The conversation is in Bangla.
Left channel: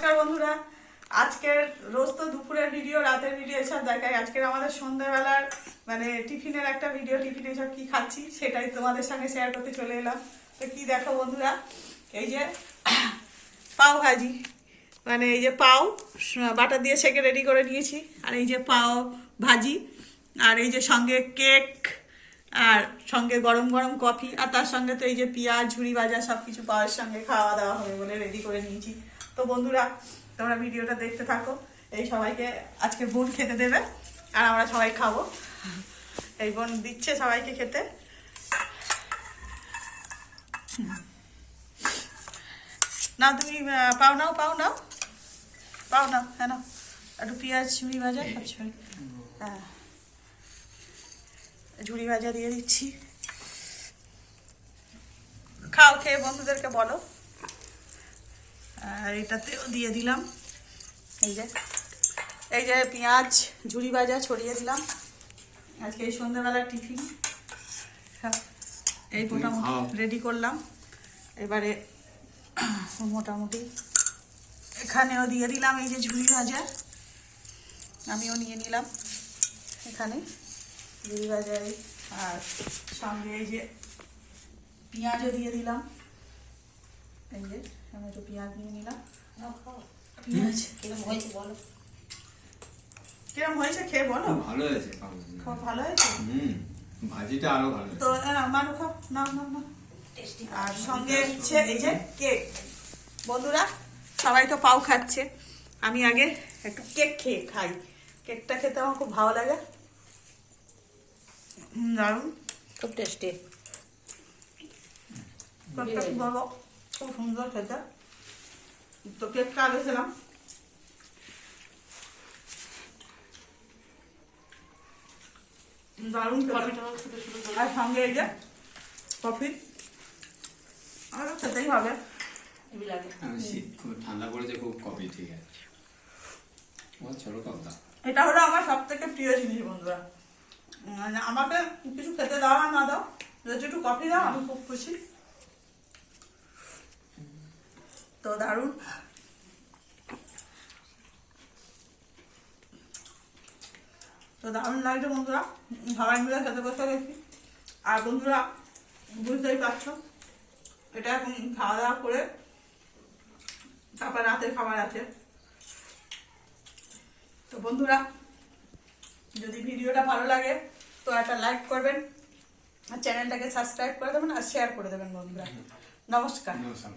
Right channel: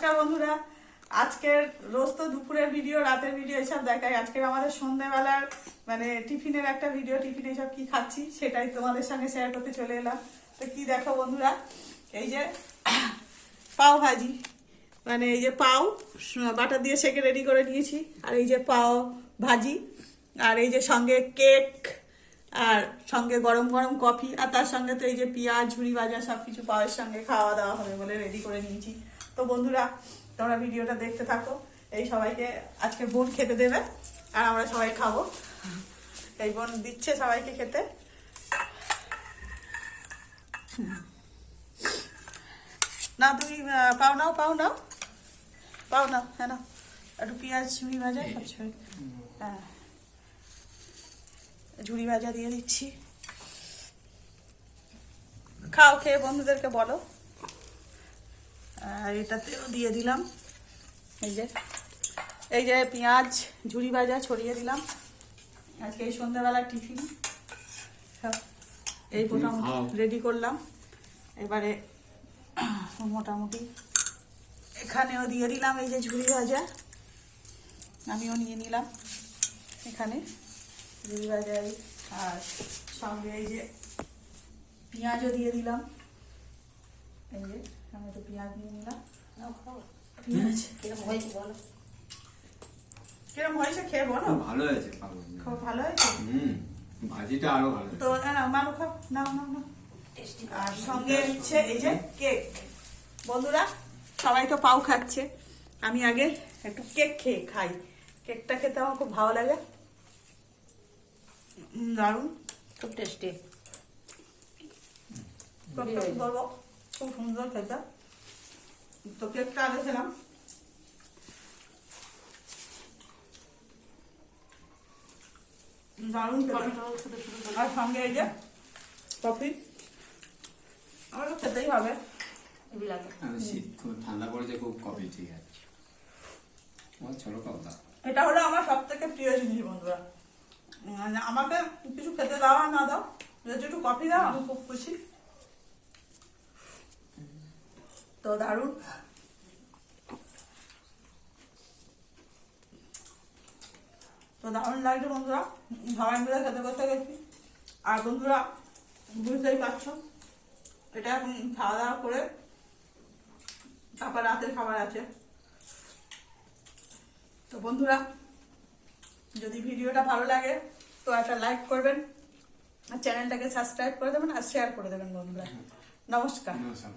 নমস্কার বন্ধুরা, আজকের রোজ তো দুপুরের ভিডিও, রাতের ভিডিও এসব দেখাই। আজকের আমাদের সন্ধ্যাবেলার মানে টিফিনের একটা ভিডিও, টিফিনে সব কি খাচ্ছি সেটাই তোমাদের সঙ্গে শেয়ার করতে চলে এলাম। তো কি দেখো বন্ধুরা, এই যে পাও ভাজি, মানে এই যে পাও বাটার দিয়ে সেকে রেডি করে নিয়েছি, আর এই যে পাও ভাজি, আর এই যে সঙ্গে কেক, আর সঙ্গে গরম গরম কফি, আর তার সঙ্গে তো এই যে পেঁয়াজ ঝুড়ি ভাজা সব কিছু পাওয়ার সঙ্গে খাওয়া দাওয়া হবে বলে রেডি করে নিয়েছি। তো বন্ধুরা তোমরা ভিডিওটা দেখতে থাকো। এই সবাইকে আজকে বোন খেতে দেবে আর আমরা সবাই খাবো। এই বোন দিচ্ছে সবাইকে খেতে। না তুমি পাও নাও, পাও নাও, পাও না, হ্যাঁ না, একটু পেঁয়াজ ঝুড়ি ভাজা খাচ্ছ? হ্যাঁ, ঝুড়ি ভাজা দিয়ে দিচ্ছি, খাও, খেয়ে বন্ধুদেরকে বলো। আর এটাতেও দিয়ে দিলাম এই যে পেঁয়াজ ঝুড়ি ভাজা ছড়িয়ে দিলাম। আজকে এই সন্ধ্যাবেলার টিফিন এই মোটামুটি রেডি করলাম। এবারে মোটামুটি এখানেও দিয়ে দিলাম এই যে ঝুড়ি ভাজা, আমিও নিয়ে নিলাম এখানে ঝুড়ি ভাজা, আর সঙ্গে এই যে পেঁয়াজও দিয়ে দিলাম। এই যে আমি একটু পেঁয়াজ নিয়ে নিলাম। পেঁয়াজ কিরম হয়েছে বলো, কিরম হয়েছে খেয়ে বলো। ভালো হয়েছে, খুব ভালো হয়েছে। ভাজিটা আরো ভালো তো মানু খাও, না না না। আর সঙ্গে হচ্ছে এই যে কেক। বন্ধুরা সবাই তো পাও খাচ্ছে, আমি আগে একটু কেক খেয়ে খাই। কেকটা খেতে আমার খুব ভালো লাগে, দারুণ, খুব টেস্টি, বলবো খুব সুন্দর খেতে। তো কেকটা আগে খেলাম, দারুণ খেতে। আর সঙ্গে এই যে কফি, আমারও খেতেই হবে। শীত খুব ঠান্ডা পড়েছে, খুব কফি ঠিক আছে। আমার ছোট কথা, এটা হলো আমার সব থেকে প্রিয় জিনিস বন্ধুরা। আমাকে কিছু খেতে দাও আর না দাও, যদি একটু কফি দাও আমি খুব খুশি। তো দারুণ, তো দারুণ লাগছে বন্ধুরা, সবাই মিলে খেতে বসে গেছি। আর বন্ধুরা বুঝতেই পারছো, এটা এখন খাওয়া দাওয়া করে তারপর রাতের খাবার আছে। তো বন্ধুরা যদি ভিডিওটা ভালো লাগে তো একটা লাইক করবেন, আর চ্যানেলটাকে সাবস্ক্রাইব করে দেবেন, আর শেয়ার করে দেবেন বন্ধুরা। নমস্কার। নমস্কার।